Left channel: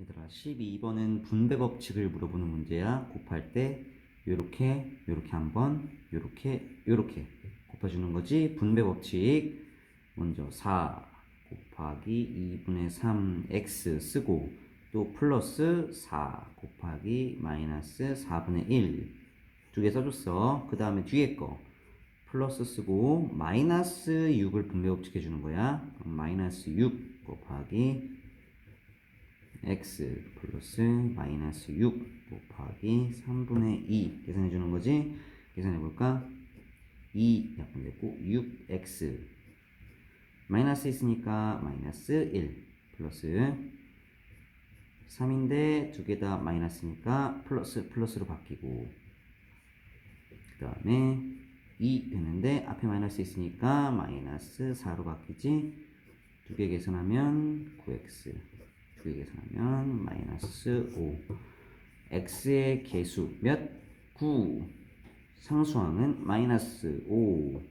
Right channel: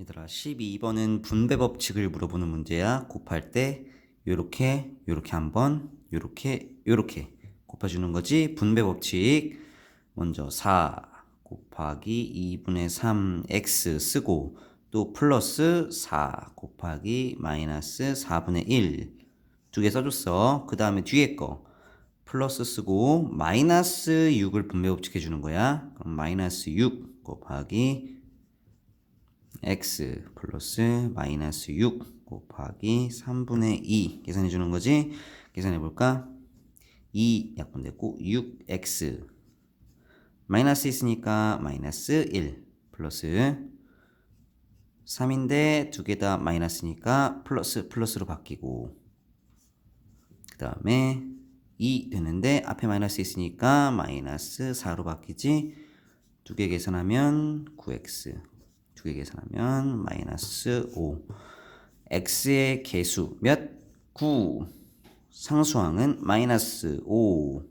얘들아 12번은 분배 법칙을 물어보는 문제야. 곱할 때 요렇게 요렇게 한번 요렇게 요렇게 곱해주는 거지. 분배 법칙 먼저 4 곱하기 2분의 3 x 쓰고 또 플러스 4 곱하기 마이너스 4분의 1 두 개 써줬어. 그 다음에 뒤에 거 플러스 쓰고 마이너스 6을 분배 법칙 해주는 거야. 그럼 마이너스 6 곱하기 x 플러스 마이너스 6 곱하기 3분의 2 계산해 주는 거지. 계산해 볼까? 2 약분됐고 6x 마이너스 있으니까 마이너스 1 플러스 3인데 두 개 다 마이너스니까 플러스 플러스로 바뀌고 그 다음에 2 되는데 앞에 마이너스 있으니까 마이너스 4로 바뀌지 두 개 계산하면 9x 두 개 계산하면 마이너스 5 x의 개수 몇? 9 상수항은 마이너스 5